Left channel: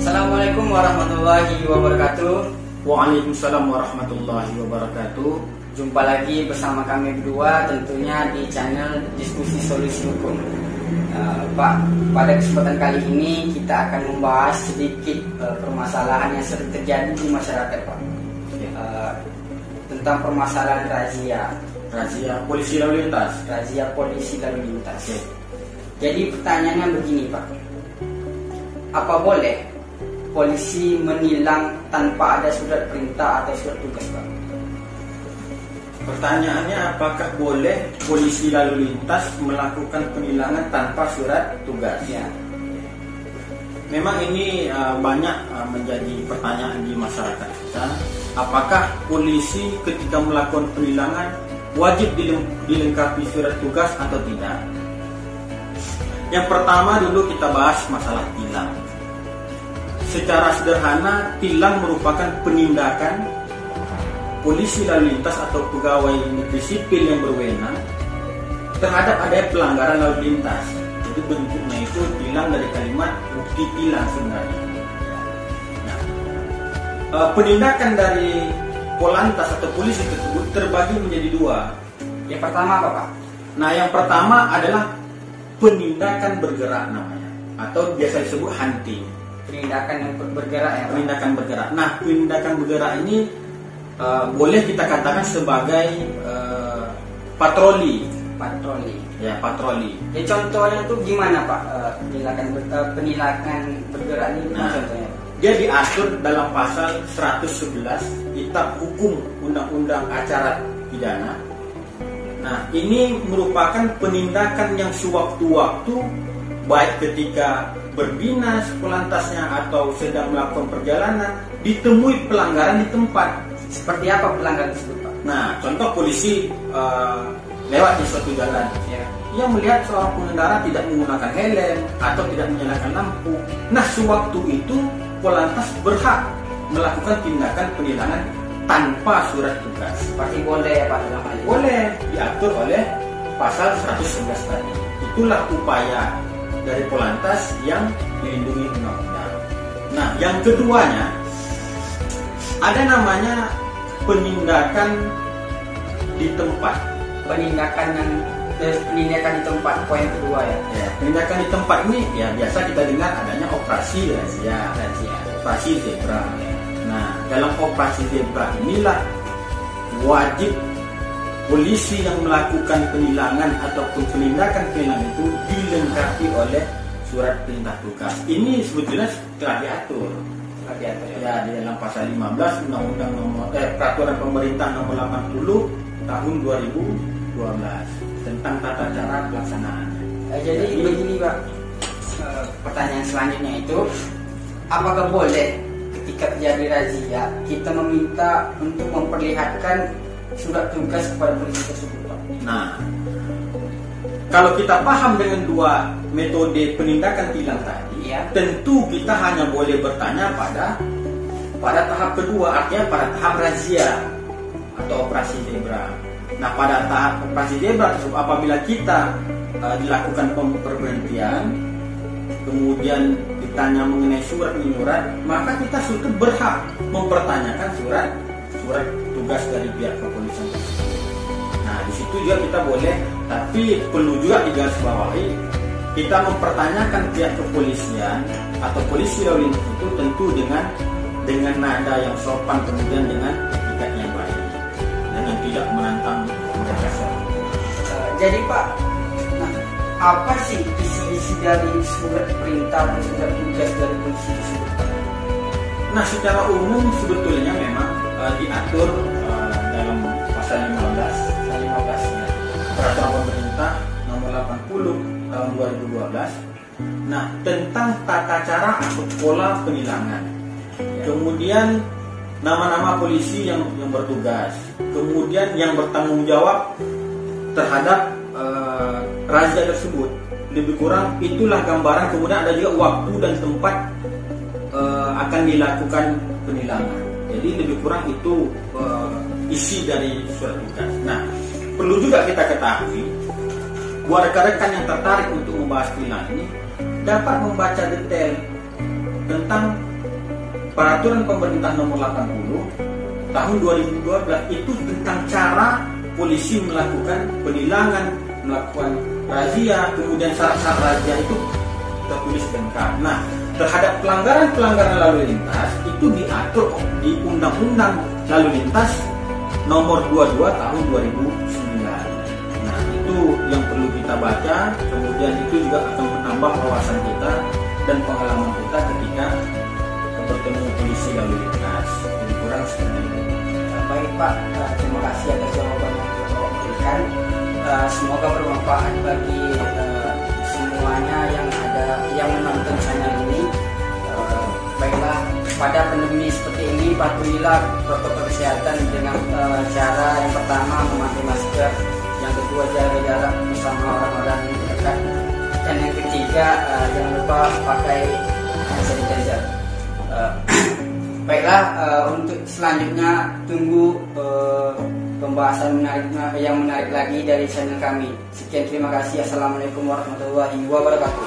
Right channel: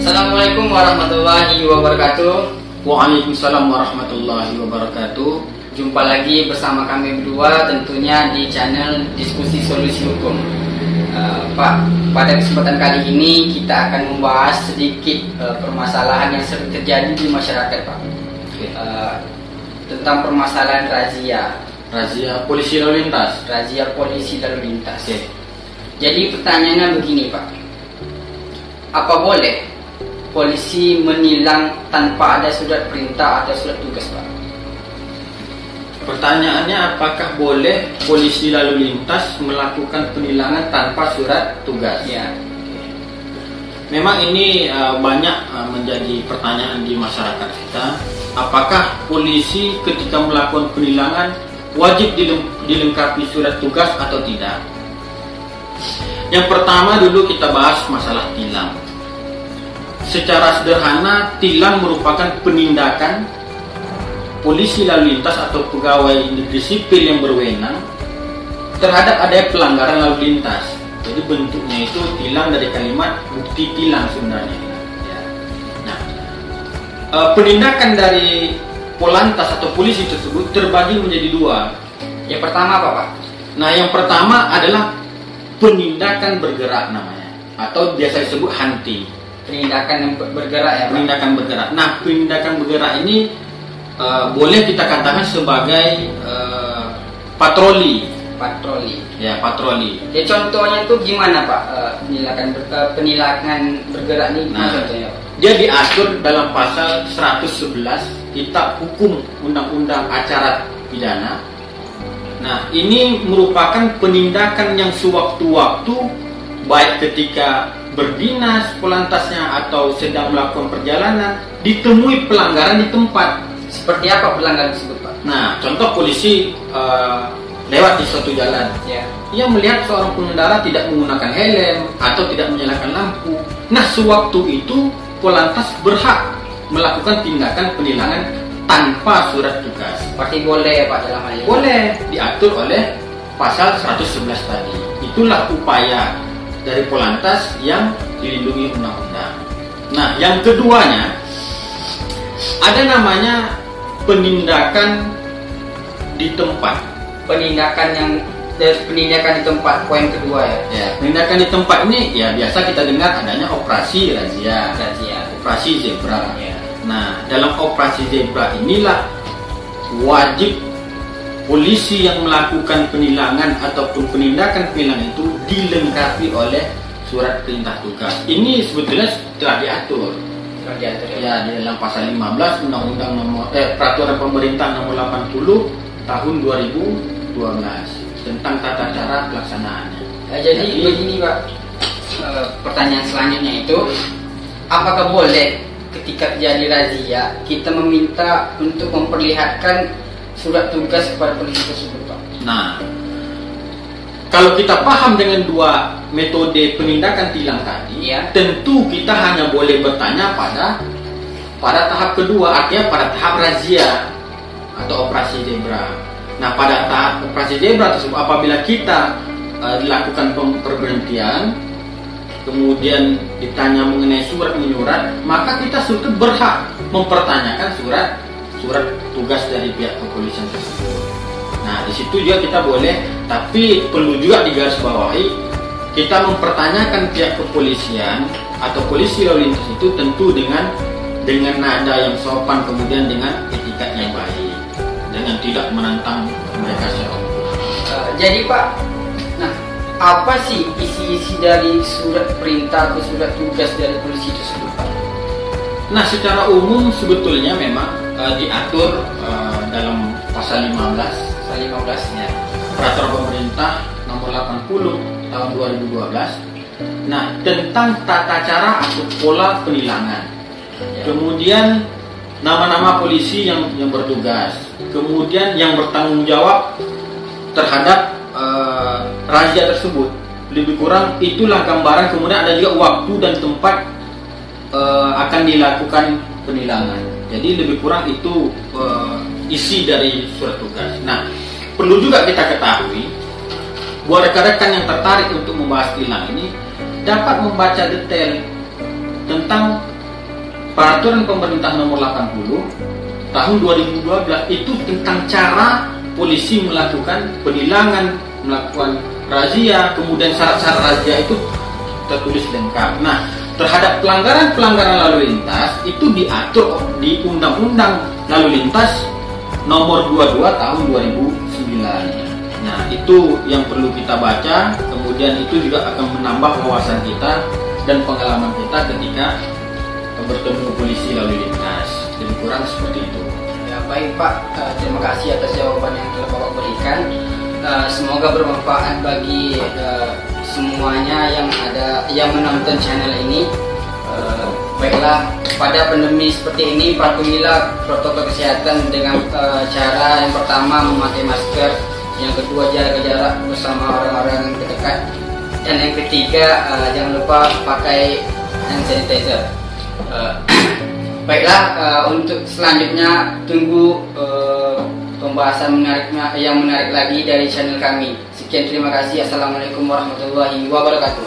Assalamualaikum warahmatullahi wabarakatuh. Waalaikumsalam warahmatullahi wabarakatuh. Jumpa lagi bersama kami berdua tentunya di channel Diskusi Solusi Hukum. Pak, pada kesempatan kali ini kita akan membahas sedikit permasalahan yang sering terjadi di masyarakat, Pak. Tentang permasalahan Razia polisi lalu lintas. Razia polisi lalu lintas. Jadi pertanyaannya begini, Pak. Apa boleh polisi menilang tanpa ada surat perintah atau surat tugas, Pak? Pertanyaannya, apakah boleh polisi lalu lintas melakukan penilangan tanpa surat tugas? Ya. Memang ini banyak menjadi pertanyaan di masyarakat kita. Apakah polisi ketika melakukan penilangan wajib dilengkapi surat tugas atau tidak? Yang pertama dulu kita bahas masalah tilang. Secara sederhana, tilang merupakan penindakan polisi lalu lintas atau pegawai negeri sipil yang berwenang terhadap adanya pelanggaran lalu lintas. Jadi bentuknya itu tilang dari kalimat bukti tilang sebenarnya. Nah, penindakan dari Polantas atau polisi tersebut terbagi menjadi dua. Yang pertama apa, Pak? Nah, yang pertama adalah penindakan bergerak namanya, atau biasa disebut hunting. Penindakan yang bergerak ya, Pak? Penindakan bergerak. Nah, penindakan bergerak ini boleh kita katakan sebagai patroli. Patroli. Ya, patroli. Ya, contohnya tuh gimana, Pak? Penilangan bergerak ini Nah, contohnya? dia diatur dalam pasal 111 Kitab Hukum Undang-Undang Acara Pidana. Nah, ini merupakan penindakan yang sewaktu-waktu, baik ketika berdinas Polantasnya atau sedang melakukan perjalanan, ditemui pelanggaran di tempat. Seperti apa pelanggaran tersebut, Pak? Nah, contoh polisi lewat di suatu jalan, Ya. ia melihat seorang pengendara tidak menggunakan helm atau tidak menyalakan lampu. Nah, sewaktu itu Polantas berhak melakukan tindakan penilangan tanpa surat tugas. Seperti boleh ya, Pak, dalam hal ini? Boleh, diatur oleh pasal 111 tadi. Itulah upaya dari Polantas yang dilindungi undang-undang. Nah, yang keduanya ada namanya penindakan di tempat. Penindakan di tempat, poin kedua ya. Ya, penindakan di tempat ini ya biasa kita dengar adanya operasi razia, operasi zebra. Ya. Nah, dalam operasi zebra inilah wajib polisi yang melakukan penilangan ataupun penindakan penilangan itu dilengkapi oleh surat perintah tugas. Ini sebetulnya telah diatur. Ya, di dalam pasal 15 Undang-Undang Peraturan Pemerintah Nomor 80 Tahun 2012 tentang tata cara pelaksanaannya. Jadi begini, Pak. Pertanyaan selanjutnya itu, apakah boleh ketika terjadi razia kita meminta untuk memperlihatkan surat tugas kepada polisi tersebut, Pak? Nah, kalau kita paham dengan dua metode penindakan tilang tadi, Ya. tentu kita hanya boleh bertanya pada tahap kedua, artinya pada tahap razia atau operasi zebra. Nah, pada tahap operasi zebra tersebut, apabila kita dilakukan pemberhentian, kemudian ditanya mengenai surat menyurat, maka kita sudah berhak mempertanyakan surat tugas dari pihak kepolisian tersebut. Nah, di situ juga kita boleh, tapi perlu juga digarisbawahi, kita mempertanyakan pihak kepolisian atau polisi lalu lintas itu tentu dengan nada yang sopan, kemudian dengan etikat yang baik, dengan tidak menantang mereka secara hukum. Jadi, Pak, nah, apa sih isi-isi dari surat perintah atau surat tugas dari polisi tersebut, Pak? Nah, secara umum sebetulnya memang diatur dalam pasal 15 ya, Peraturan Pemerintah Nomor 80 Tahun 2012. Nah, tentang tata cara atau pola penilangan. Kemudian nama-nama polisi yang bertugas. Kemudian yang bertanggung jawab terhadap razia tersebut. Lebih kurang itulah gambaran. Kemudian ada juga waktu dan tempat akan dilakukan penilangan. Jadi lebih kurang itu isi dari surat tugas. Nah, perlu juga kita ketahui buat rekan-rekan yang tertarik untuk membahas tilang ini dapat membaca detail tentang Peraturan Pemerintah Nomor 80 Tahun 2012 itu tentang cara polisi melakukan penilangan, melakukan razia, kemudian syarat-syarat razia itu tertulis lengkap. Nah, terhadap pelanggaran-pelanggaran lalu lintas itu diatur di Undang-Undang Lalu Lintas Nomor 22 Tahun 2009. Nah, itu yang perlu kita baca. Kemudian itu juga akan menambah wawasan kita dan pengalaman kita ketika bertemu polisi lalu lintas. Lebih kurang seperti itu. Ya, baik Pak, terima kasih atas jawaban yang telah Bapak berikan. Semoga bermanfaat bagi semuanya yang menonton channel ini. Baiklah, pada pandemi seperti ini patuhilah protokol kesehatan dengan cara yang pertama memakai masker, yang kedua jaga jarak bersama orang-orang yang terdekat, dan yang ketiga jangan lupa pakai hand sanitizer. Baiklah, untuk selanjutnya tunggu pembahasan yang menarik lagi dari channel kami. Sekian, terima kasih. Assalamualaikum warahmatullahi wabarakatuh.